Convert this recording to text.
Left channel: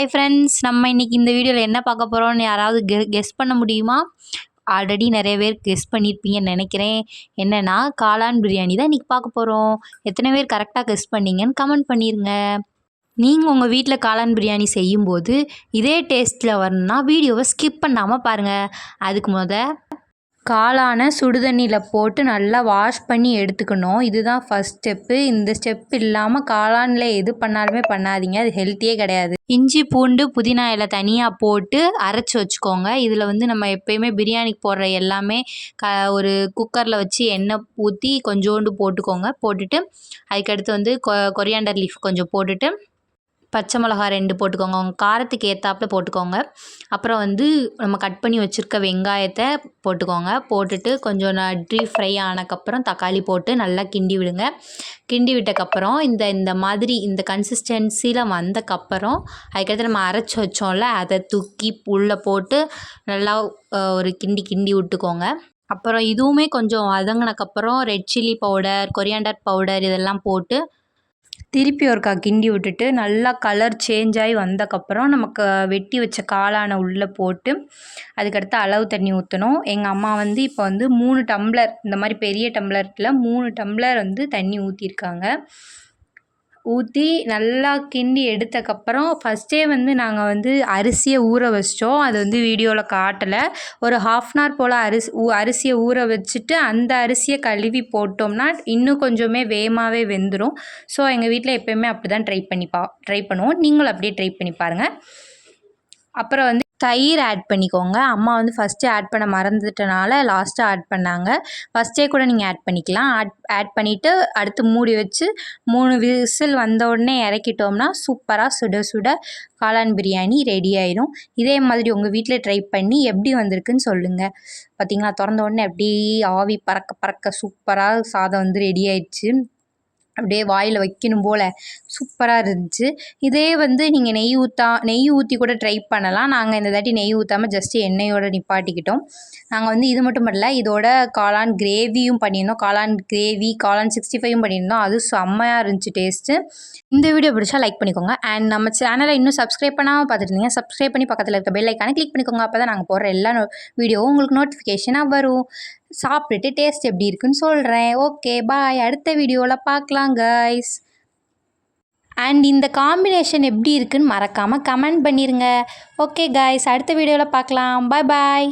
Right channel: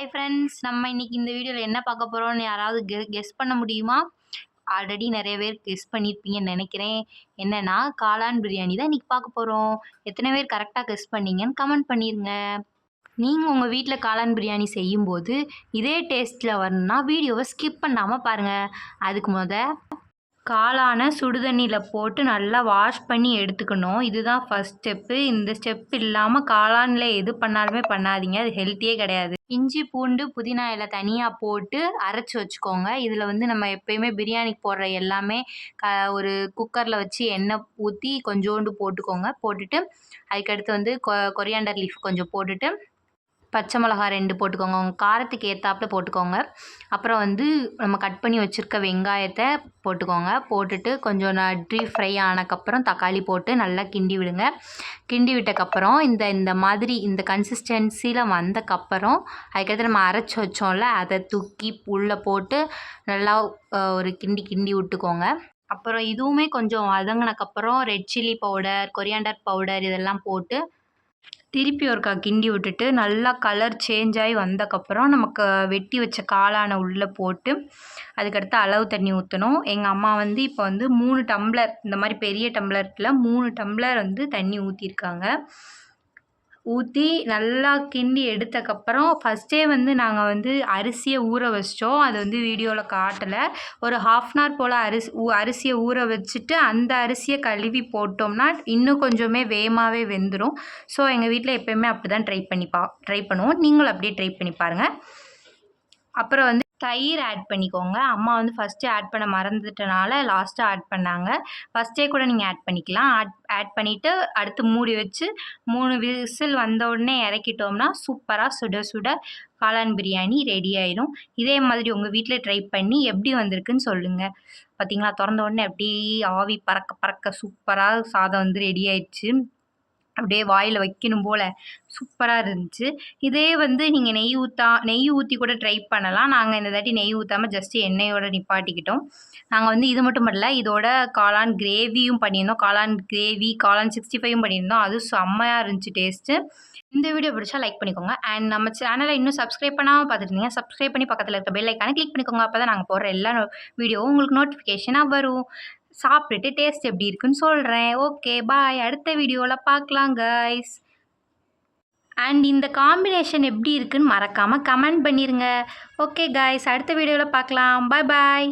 Hi friends, நம்ம இன்னைக்கு இந்த வீடியோவில் என்ன பார்க்க போகிறோம்னு யாராவது கெஸ் பண்ண முடியுமா? ஆல்ரெடி நிறைய பேர் கெஸ் பண்ணியிருப்பீங்கன்னு நினைக்கிறேன். என்னென்னா காளான் பிரியாணி தான் இன்றைக்கி பார்க்க போகிறோம். எத்தனை பேர் கரெக்டாக கெஸ் பண்ணீங்கன்னு கமெண்ட் பண்ணிடுங்க. நீங்கள் உங்கள் வீட்டில் காளான் பிரியாணி செய்யும்போது இதே டேஸ்ட்டில் வரணும்னா வீடியோவை ஸ்கிப் பண்ணாமல் பாருங்கள். அதுக்கு காளானை சுடுதண்ணியில் போட்டு நல்லா வாஷ் பண்ணி எடுத்துக்கணும். இதுதான் ஃபஸ்ட் ஸ்டெப்பு. இந்த ஸ்டெப் இல்லாமல் காளானில் எது பண்ணாலுமே பண்ணாதீங்க, அது ஹெல்த்தியே கிடையாது. இஞ்சி பூண்டு புதினா இலை தனியாக போட்டு அரைச்சி வச்சுக்கோங்க. இதில் நம்ம எப்போயுமே பிரியாணிக்கு போடுற எல்லாமே ஒரு குக்கரில் வச்சு எண்ணெய் ஊற்றி கொஞ்சோண்டு போட்டுக்கோங்க. போட்டுட்டு அதுக்கடுத்து கொரியாண்டர் லீஃப் கொஞ்சம் போட்டுட்டு பச்சை மிளகா 2 போட்டுக்கோங்க. உங்கள் காரத்துக்கு ஏற்றாப்புல போட்டுக்கோங்க. அப்புறம் நம்ம கட் பண்ணி வச்சுருக்க வெங்காயத்தை போட்டுக்கோங்க. போட்டுட்டு கொஞ்சம் டீப் ஃப்ரை ஆனதுக்கப்புறம் தக்காளி போட்டு நல்லா கிண்டி விடுங்க. கிண்டி விட்டக்கப்புறம் இந்த மாதிரி இந்த கன்சிஸ்டன்சியில் வந்தக்கப்புறம் அதுக்கடுத்து நம்ம அரைச்சி வச்சோம்ல, அதை தூக்கி உள்ளே போட்டு நல்லா ஒரு கிண்டி விட்டுக்கோங்க. அப்புறம் இதுவுமே கொஞ்சம் வதங்கினக்கப்புறம் red chilli powder, coriander powder இதெல்லாம் போட்டு திருப்பி ஒருக்கா கிண்டி விட்டுட்டு நல்லா கலர் சேஞ்ச் ஆகி வந்தக்கப்புறம் நமக்கு வெட்டி வச்ச காளானை உள்ளே போட்டு அதுக்கடுத்து அளவு தண்ணி ஊற்றணும். எங்கள் அம்மா இப்போ 3 டம்ளர், இந்த மாதிரி பெரிய டம்ளரில் 3 டம்ளர் தண்ணி ஊற்றிருக்காங்க. ஊற்றி நல்லா கிண்டி எடுத்தக்கப்புறம் ஃபஸ்ட்டே நாங்கள் அரிசியை ஊற வச்சிட்டோம். அது வீடியோவில் காட்டலை. ஒரு 1/2 hour போல் அரிசியை ஊற வச்சுட்டு அந்த அரிசியை கழுவி போட்டோம்னா இன்னும் கொஞ்சமே வேகமாகவே வெந்துடும். ஸோ எங்கள் வீட்டில் எப்போயுமே அப்படி தான் ட்ரை பண்ணுவோம். நீங்களும் அப்படியே ட்ரை பண்ணி பாருங்கள். அப்புறம் தயிர் ஆட் பண்ணிக்கோங்க. அம்மா ஃபஸ்ட்டு ஆட் பண்ண மறந்துட்டனால லாஸ்ட்டாக ஆட் பண்ணாங்க. ஃபஸ்ட்டே கூட நீங்கள் ஆட் பண்ணிக்கலாம். ஆட் பண்ணிவிட்டு அடுத்து மூடி வச்சு 3 விசில் வந்த உடனே இறக்கிட்டோம்னா சூப்பராக சுட சுட காளான் பிரியாணி ரெடி ஆயிடும். இதே மாதிரி உங்கள் வீட்டில் ட்ரை பண்ணி எப்படி வந்திருக்குன்னு சொல்லுங்கள். பார்த்தீங்களா, திறந்த உடனே அப்படியே ஆவி பறக்க பறக்க சூப்பராக சாதம் ரெடி ஆயிடுச்சு. அப்படியே வாயில் வைக்கணும் போல் சூப்பராக இருந்துச்சு. இதே நீங்கள் நெய் ஊற்றி கூட ட்ரை பண்ணலாம். நாங்கள் இந்த தாட்டி நெய் ஊற்றாமல் ஜஸ்ட்டு எண்ணெயோடு நிப்பாட்டிக்கிட்டோம். நாங்கள் இது மட்டும் பண்ணல, இதோட காளான் கிரேவியும் பண்ணியிருந்தோம். காளான் கிரேவி, காளான் 65யும் பண்ணியிருந்தோம். அது செம்மையாக இருந்துச்சு டேஸ்ட்டு. இந்த வீடியோ பிடிச்சா லைக் பண்ணிக்கோங்க. அண்ட் நம்ம சேனலை இன்னும் சப்ஸ்கிரைப் பண்ணாமல் பார்த்துருந்தீங்க, சப்ஸ்கிரைப் பண்ணி பக்கத்தில் இருக்க பெல் ஐக்கானை கிளிக் பண்ணிக்கோங்க. அப்போ தான் நாங்கள் போடுற எல்லா வீடியோவும் உங்களுக்கு நோட்டிஃபிகேஷனாக வரும். சாப்பிட்டுட்டு டேஸ்ட் எப்படி இருக்குன்னு சொல்கிறேன். ஓகே, பாய். அடுத்த வீடியோவில் பார்க்கலாம் கைஸ். அண்ட் இந்த காம்பினேஷன் எப்படி இருக்குன்னு மறக்காமல் கமெண்ட் பண்ணிடுங்க. ஓகே கைஸ், அடுத்த வீடியோவில் பார்க்கலாம். பாய் பாய்.